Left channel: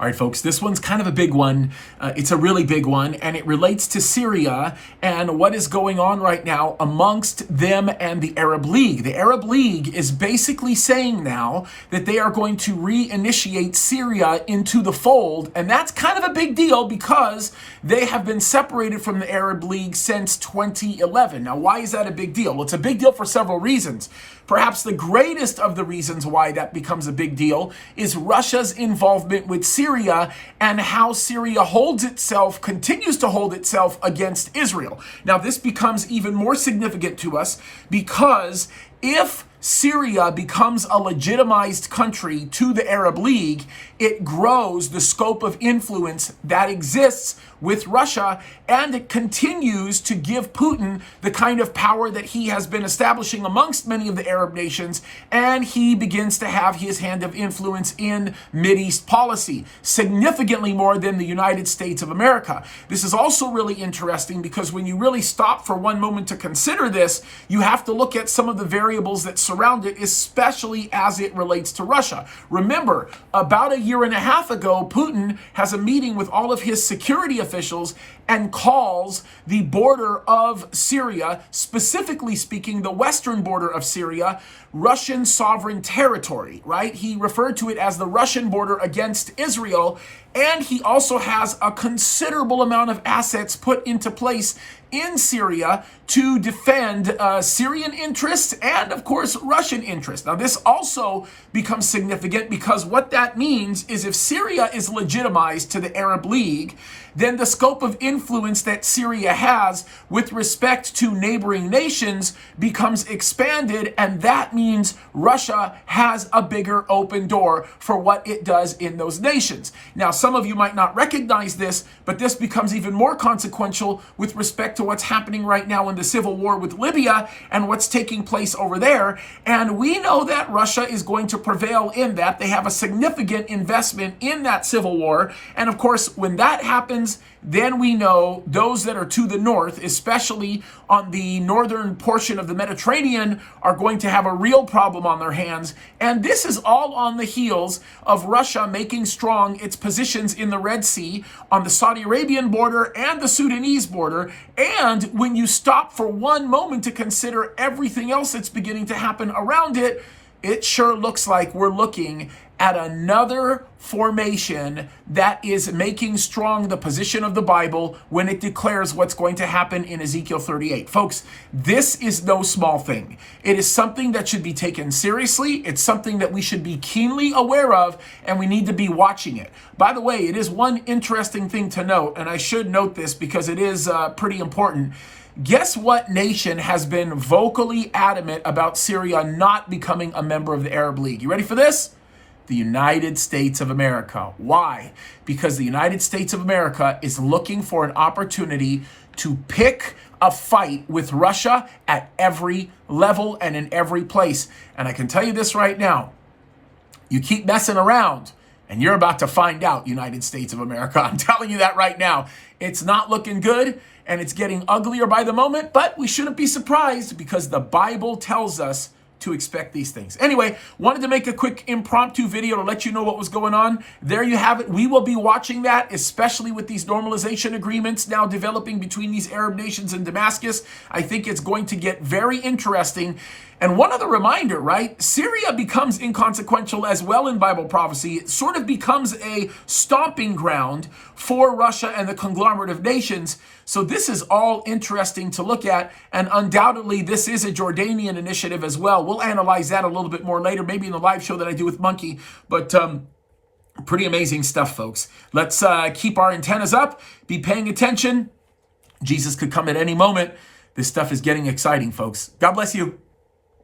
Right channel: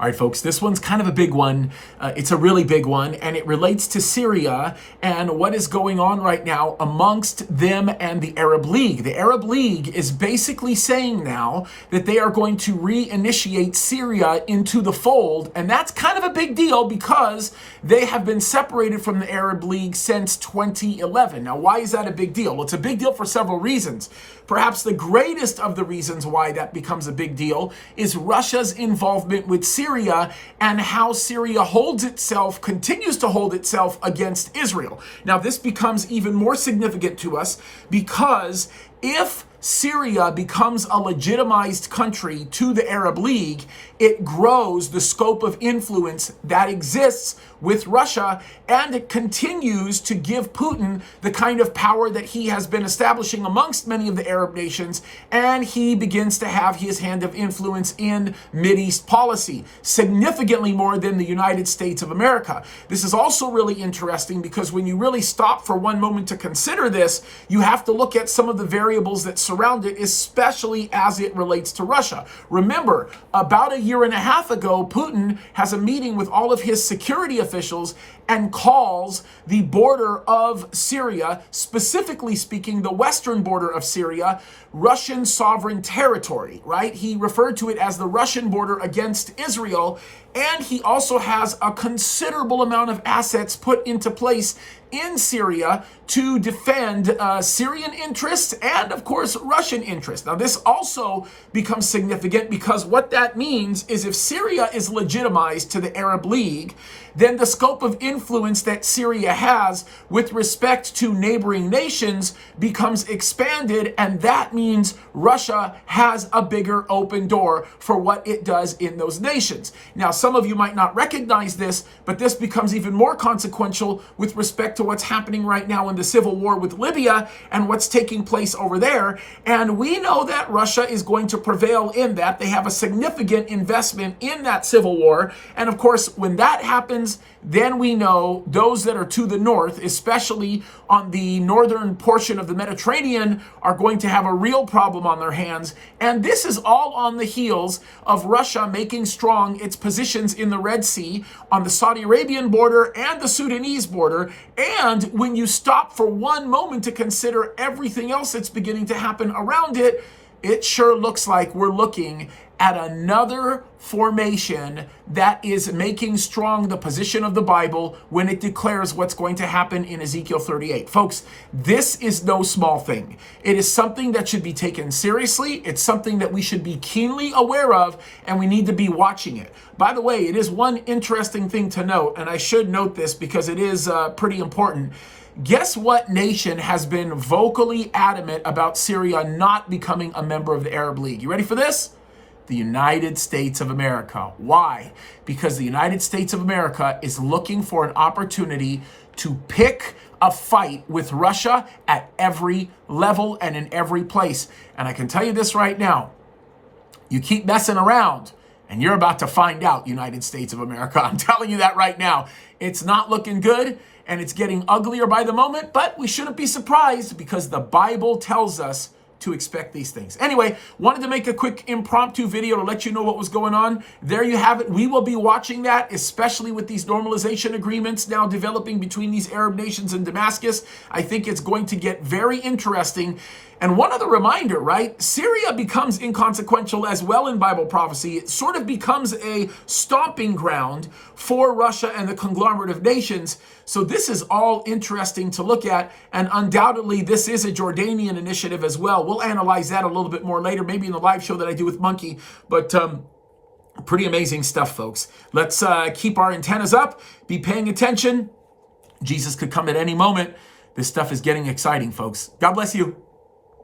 All right, folks, this one's kind of a big one. It's a really big one, and it relates to Syria and what is going on right now amongst them and the Arab League. The Arab League is basically saying now that they are going to reinitiate Syria into the fold, and that's kind of a big deal because they have been separated from the Arab League since 2011. Now, why is that a big deal? Well, it's a big deal for several reasons. Perhaps the greatest of the reasons why that becomes a big deal is Russia's involvement with Syria and how Syria continues to hold itself against Israel. Now, this becomes even more significant to us because if Syria becomes a legitimized country to the Arab League, it grows the scope of influence that exists with Russia, and it continues to give Putin the kind of power that he has been establishing amongst many of the Arab nations, and he begins to have his hand of influence in Mideast policy, significantly more than the United States of America. This is also really interesting because when you really stop for one moment to consider this, you have to look at some of the variables that surround it, especially as it relates to Russia. Remember, about a year and a half ago, Putin has a meeting with all of his security officials and calls the border of Syria, specifically speaking, the western border of Syria, Russian sovereign territory, right? He referred to it as the Russian border against Israel, and he also has a considerable amount of assets put into place in Syria to defend Syrian interests and, of course, Russian interests. Now, this also becomes significant because what that means is if Syria is legitimized to the Arab League, then the scope of influence that Syria has with respect to neighboring nations becomes expanded, and that means Russia has a bigger open door for what it does in those nations. Now, some of you might not recognize this, but this becomes even more consequential with respect to what's happening right now in the civil war with Libya and what's taking place over there. And we know that Russia is going to prevail in that. They have a significant investment in that civil war. And of course, when that happens, then we know those that are to the north, especially on the northern portion of the Mediterranean, are going to have a real problem on their hands. And this is all on the heels of Russia making strong its positions in the Red Sea, on the Saudi Arabian border and the Sudanese border. And when you stop for one moment to consider everything else that's beginning to happen around it, it sure looks like we're looking at another formation that is making strong the position of the Bible when it declares what's going to happen in Ezekiel 38. Folks, this is no small thing. It is something that should be taken seriously. It's something that we should be keenly aware of, and we need to be watching it. By the way, it is one interesting thing to note, and I should note this because it is pretty important. Guess what nation has been vocally adamant about Syria not becoming a member of the Arab League? You ready for this? The United States of America. Why? Because the United States of America is looking for an opportunity to pick a fight with Russia at every level and in every place. And I can tell you this right now. You keep messing around and you're about to find out, United States of America. I'm telling you that right now. It's not looking good and it's getting uglier by the moment, but we shouldn't be surprised because the Bible tells us to expect these things. Anyway, wanted to make a quick impromptu video to let you know what was going on. There you have it. We will be watching that, especially with these normalization agreements now developing between these Arab nations and Damascus. I think it's going to get very interesting. And one other reminder, right? Syria becomes inconsequential as well in Bible prophecy. It sort of becomes a stomping ground for Russia and the conglomerate of nations. So this is all interesting to look at. And undoubtedly, this is a Jordanian initiative as well. We'll analyze that a little bit more later, maybe in the live show that I do with Monkey. But pretty amazing stuff, folks. Let's keep our antennas up, be paying attention. Jesus could come at any moment. This stuff is getting exciting, folks. God bless you.